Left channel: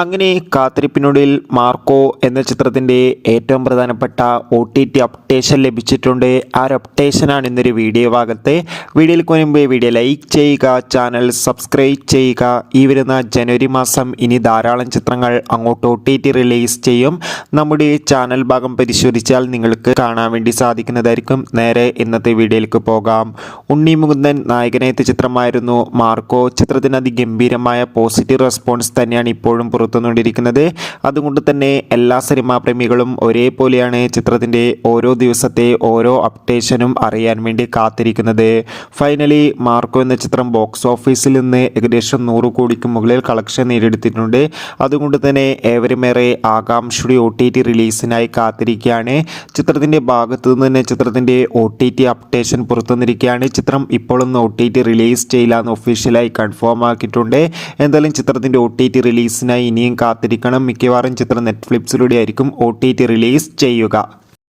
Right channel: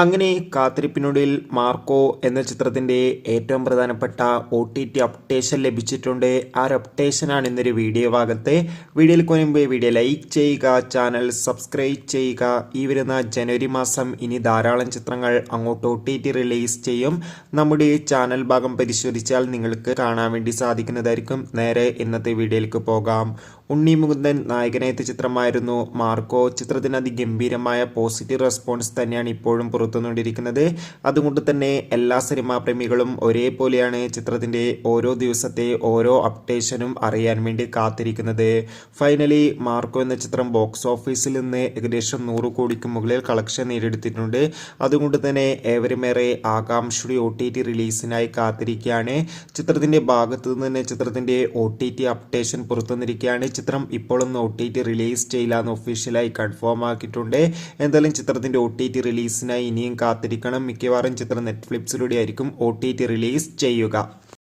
അങ്ങനെ കാത്തിരിപ്പിനൊടുവിൽ മാർക്കോ എന്ന ചിത്രത്തിൻ്റെ ഏറ്റവും പ്രധാനപ്പെട്ട OTT അപ്ഡേഷൻ ലഭിച്ചിട്ടുണ്ട്. ആ ഒരു അപ്ഡേഷനാണ് ഇന്നൊരു വീഡിയോ ഭാഗത്ത്. വീഡിയോയിൽ മുൻപ് വീഡിയോ ലൈക്ക് ചെയ്യുക, ചാനൽ സബ്സ്ക്രൈബ് ചെയ്യുക. ഈ വരുന്ന ജനുവരി മാസം ഇനി ധാരാളം ചിത്രങ്ങൾ അങ്ങോട്ട് OTT റിലീസ് ചെയ്യും. നമ്മുടെ ചാനൽ ഭാഗം പരിശോധിച്ചാൽ നിങ്ങൾക്ക് കാണാൻ വേണ്ടി സാധിക്കുന്നതായിരിക്കും. നേരെ ഇന്നത്തെ വീഡിയോയിലേക്ക് പോകാം. ഉണ്ണി മുകുന്ദൻ നായകനെത്തിയ ചിത്രമായിരുന്നു മാർക്കോ. ചിത്രത്തിന് അതിഗംഭീരമായ പോസിറ്റീവ് റെസ്പോൺസ് തന്നെയാണ് ഇപ്പോഴും പുറത്തുകൊണ്ടിരിക്കുന്നത്. അതുകൊണ്ട് തന്നെ എല്ലാ സിനിമാ പ്രേമികളും ഒരേപോലെയാണ് ചിത്രത്തിൻ്റെ ഓരോ ദിവസത്തെ ഓരോ അപ്ഡേഷനും അറിയാൻ വേണ്ടി കാത്തിരിക്കുന്നത്. ഫൈനലി മാർക്കോ എന്ന ചിത്രം ബോക്സ് ഓഫീസിൽ നിന്ന് ഏകദേശം 100 കോടിക്ക് മുകളിൽ കളക്ഷൻ നേടിയെടുത്തിട്ടുണ്ട്. അതുകൊണ്ട് തന്നെ ഏവരുമേറെ ആകാംക്ഷയുടെ OTT റിലീസിനായി കാത്തിരിക്കുകയാണ്. ചിത്രത്തിൻ്റെ ഭാഗത്തു നിന്ന് തന്നെ ചിത്രത്തിൻ്റെ OTT അപ്ഡേഷൻ പുറത്തുവന്നിരിക്കുകയാണ്. ചിത്രം ഇപ്പോഴൊന്നും OTT റിലീസ് ചെയ്യില്ല എന്ന് ഒഫീഷ്യലായി കൺഫേം ആക്കിയിട്ടുണ്ട്. എന്തായാലും ചിത്രത്തിൻ്റെ OTT റിലീസിനായി ഇനിയും കാത്തിരിക്കണം. മിക്കവാറും ചിത്രം നെറ്റ്ഫ്ലിക്സിലൂടെ ആയിരിക്കും OTT റിലീസ് ചെയ്യുക.